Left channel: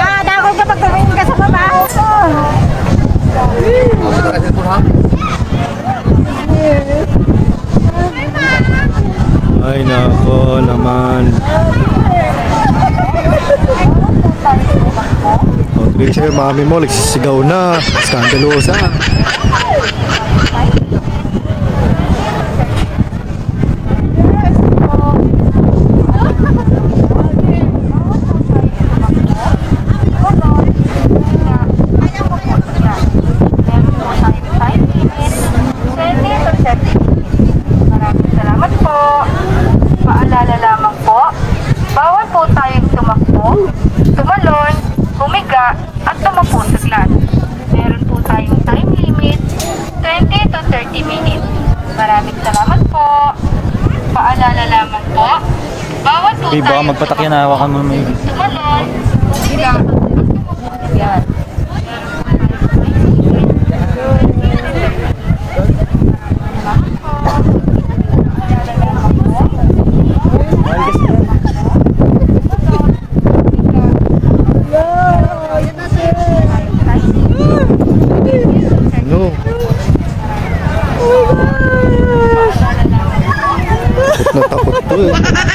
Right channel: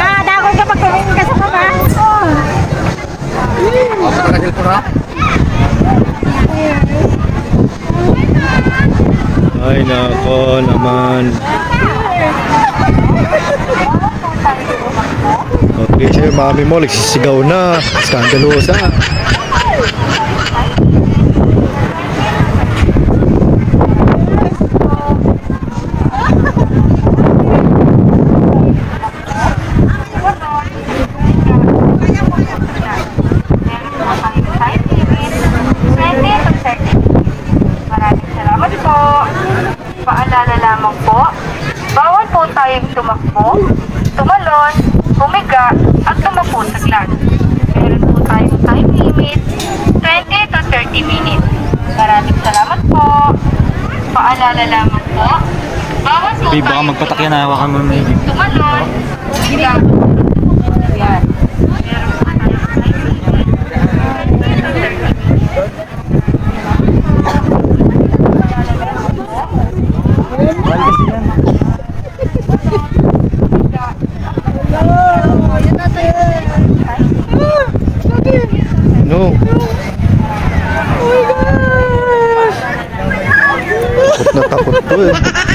Nakadakol ka pag tumingin ka sa baba. Sa cellphone ha? Ay nako naman. Okay sir, mami mo nagsisigaw na. Skandalosa. Maraming salamat po. Paalala lamang po, bawal po tayong tumakbo, tumalon, humiga, at tumapo sa class. Meron po tayong time limit, 20 to 30 minutes. Maraming salamat po. Paalala lamang po, bawal po Baka tayong magpatak yan, hawakan mo may tumalon, humiga. Yan. Meron po tayong time limit, 20 to 30 minutes. mahal kasi yan. No. Takot na takot to eh.